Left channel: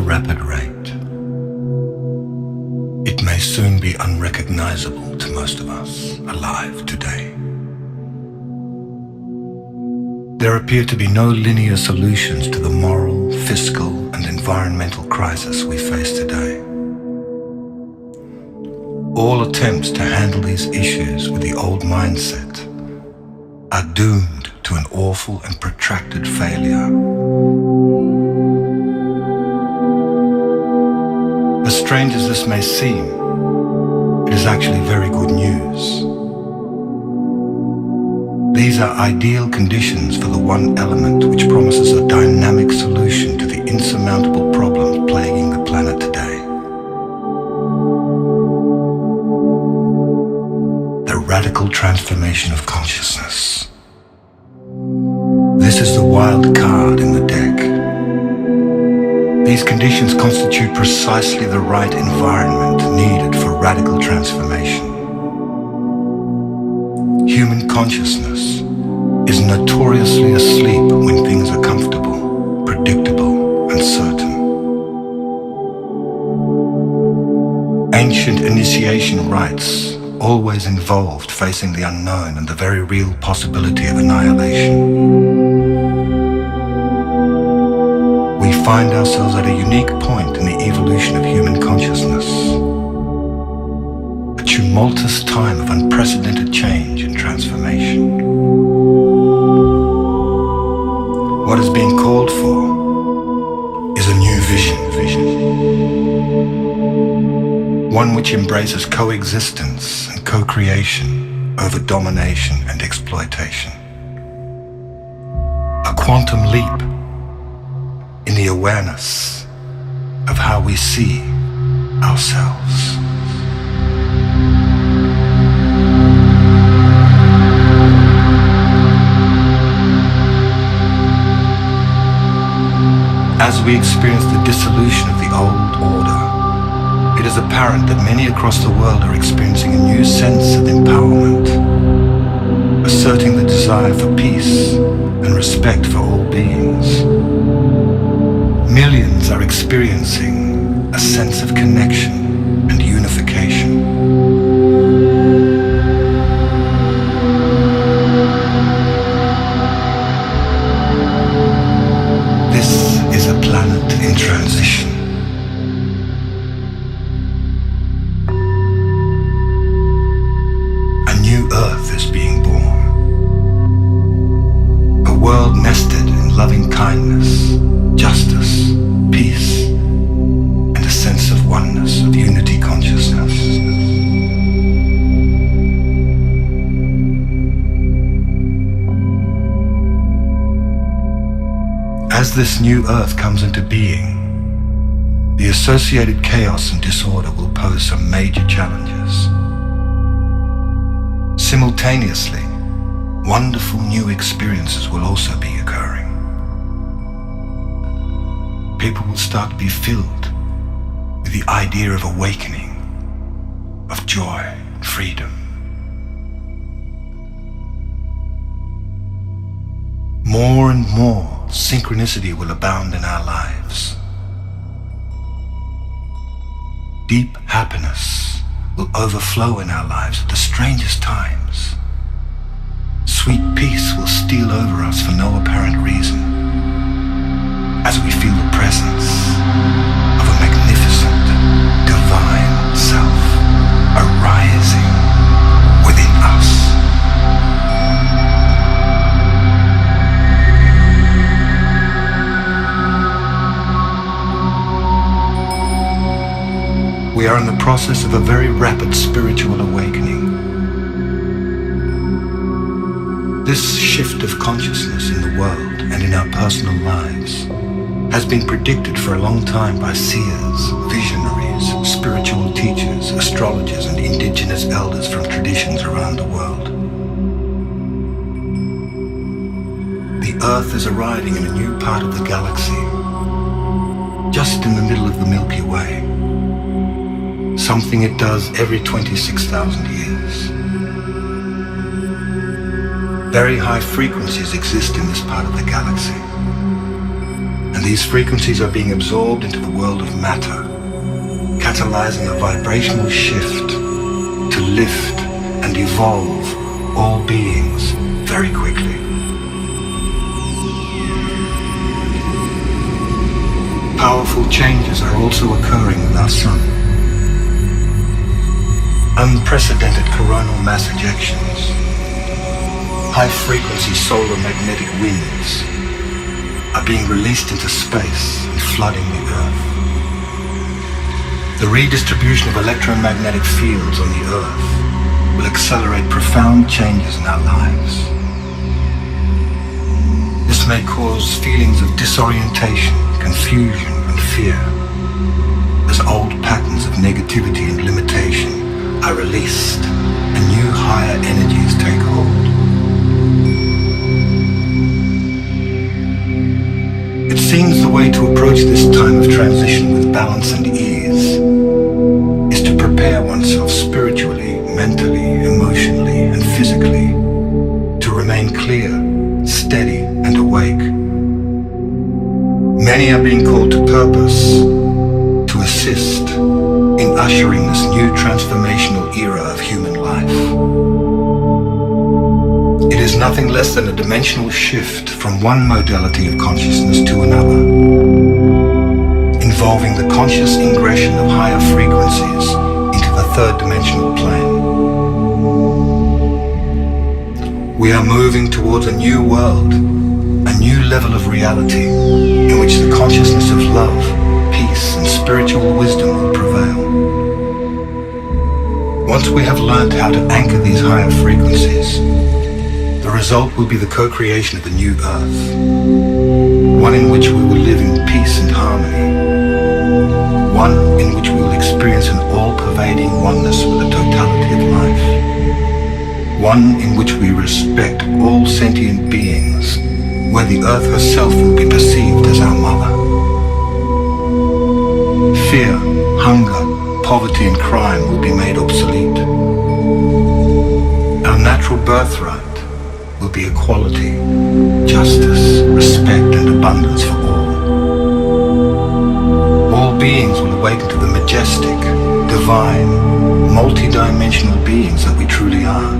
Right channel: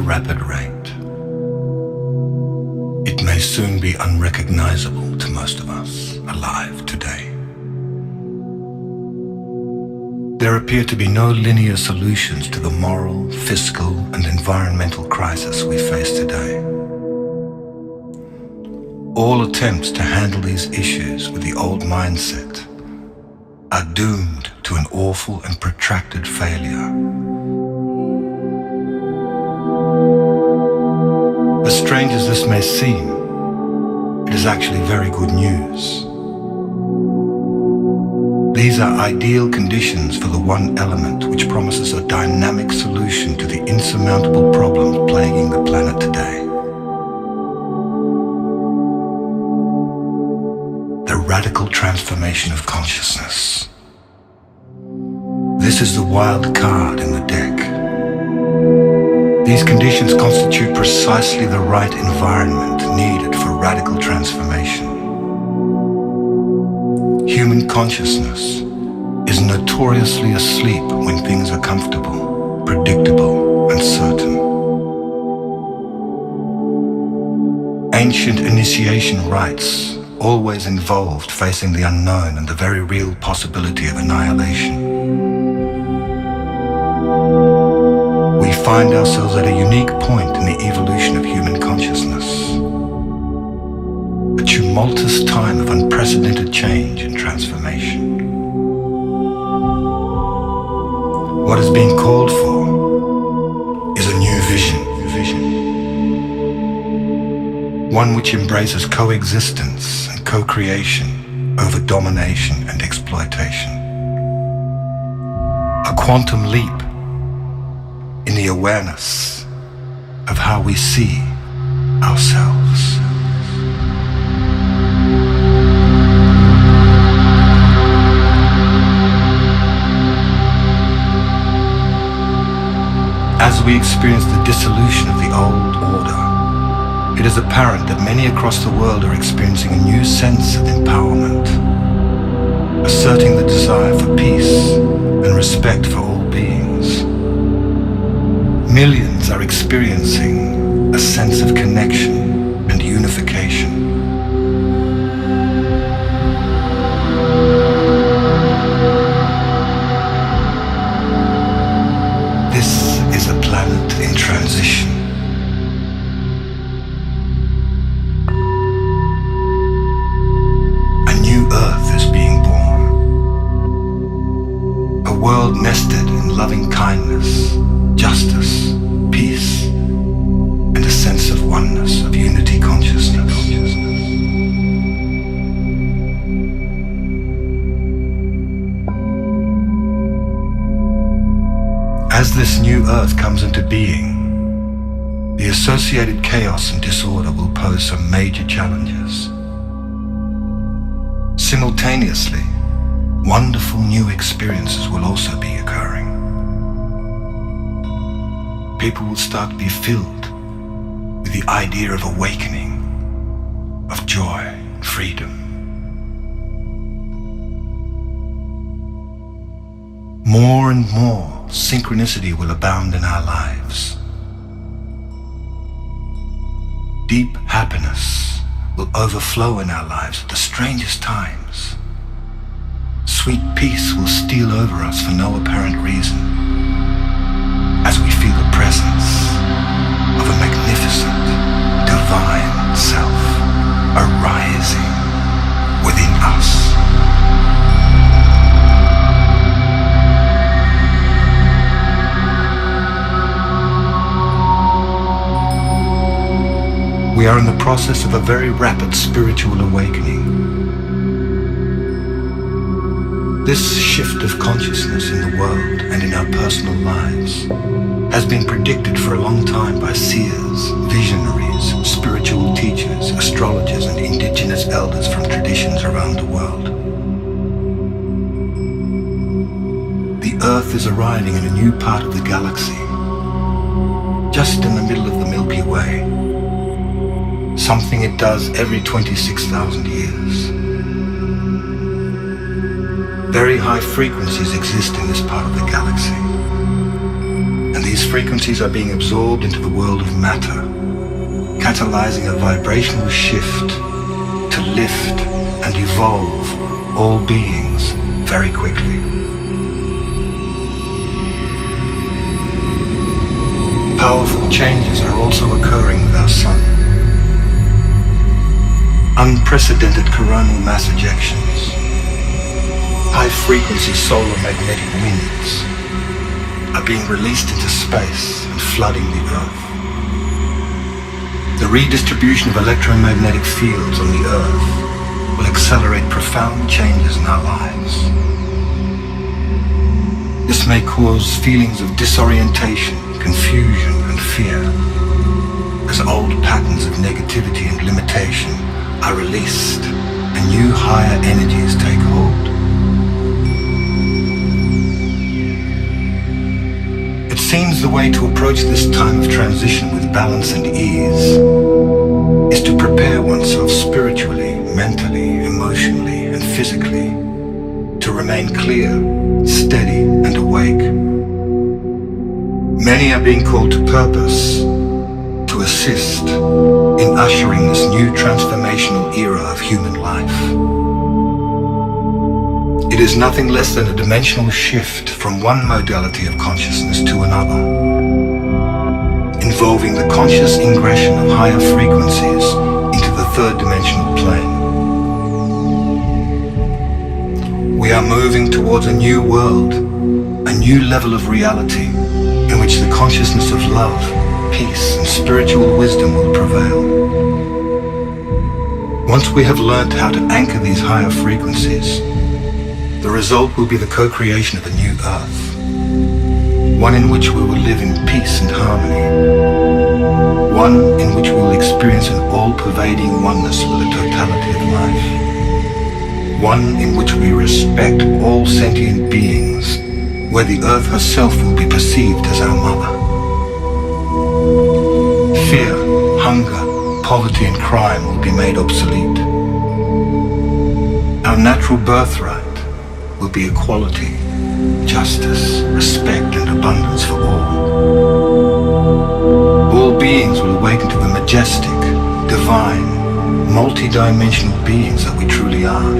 a rapid rate. It may soon be unrecognizable to most of us alive today. There appear to be no linear solutions to the moral, fiscal, and environmental crisis we face today. All attempts to handle these issues with the old mindset are doomed to an awful and protracted failure. As strange as this may seem, it is actually very good news. These are ideal conditions for the one element which promises a dynamic solution to the insurmountable problems plaguing the planet today. The radical transformation of consciousness. This is the wild card in the deck. These conditions constitute precisely the right environment needed for radical transformation. Human consciousness is notoriously asleep when things are comfortable, predictable, and certain. Ancient initiation rites always involved facing the unknown and the very real possibility of annihilation. We find ourselves at a unique point in the evolution of human consciousness. A tumultuous time of unprecedented change and transformation. What is being called for is a new vision. One which embraces coexistence and co-creation over domination and exploitation. A quantum leap in the awareness of how we see ourselves. As we experience the dissolution of the old order, it is apparent that many across the world are experiencing a new sense of empowerment, asserting the desire for peace and respect for all beings. Millions are experiencing a sense of connection and unification. This is a planet in transition. A new Earth is being born. A world nested in loving kindness, justice, peace, and a sense of oneness, of unity consciousness. As this new Earth comes into being, the associated chaos and disorder will pose some major challenges. Simultaneously, wonderful new experiences will also be occurring. People will start to be filled with the idea of awakening, of joy and freedom. More and more synchronicity will abound in our lives. Deep happiness will overflow in our lives at the strangest times. Sweet peace will steal over us for no apparent reason, as we feel the presence of a magnificent, divine self arising within us. We are in the process of a very rapid spiritual awakening. This shift of consciousness in the world and in our personal lives has been predicted for a long time by seers, visionaries, spiritual teachers, astrologers, and indigenous elders from traditions around the world. The Earth is arriving in a new part of the galaxy, just in the middle of the Milky Way. Something it does every 26,000 years. Very high frequencies exist in this part of the galaxy. and these frequencies are being absorbed into the world of matter, catalyzing a vibrational shift to lift and evolve all beings very quickly. Powerful changes are also occurring with our sun. Unprecedented coronal mass ejections, high-frequency solar magnetic winds are being released into space and flooding the Earth. The redistribution of electromagnetic fields on the Earth will accelerate profound changes in our lives. This may cause feelings of disorientation, confusion, and fear as old patterns of negativity and limitation are released and new higher energies take hold. It seems the way to approach this time of transition with balance and ease is to prepare oneself spiritually, mentally, emotionally, and physically to remain clear, steady, and awake. Many are being called to purpose to assist in ushering this new transformational era of human life. It is nothing less than a dimensional shift from one modality of consciousness to another, involving the conscious ingression of higher frequencies into the third dimensional plane. We are moving towards a new world, a new level of reality in which the consciousness of love, peace, and spiritual wisdom will prevail. Once we have learned how to anchor these higher frequencies, the result will be the co-creation of a new earth, one in which we will live in peace and harmony, one in which we will experience an all-pervading oneness with the totality of life, one in which we respect all sentient beings, where the earth herself will be perceived as our mother. Fear, hunger, poverty and crime will be made obsolete. Our natural birthright will be equality, justice, respect and abundance for all. All beings will awaken to the majestic, divine, multi-dimensional beings that we truly are.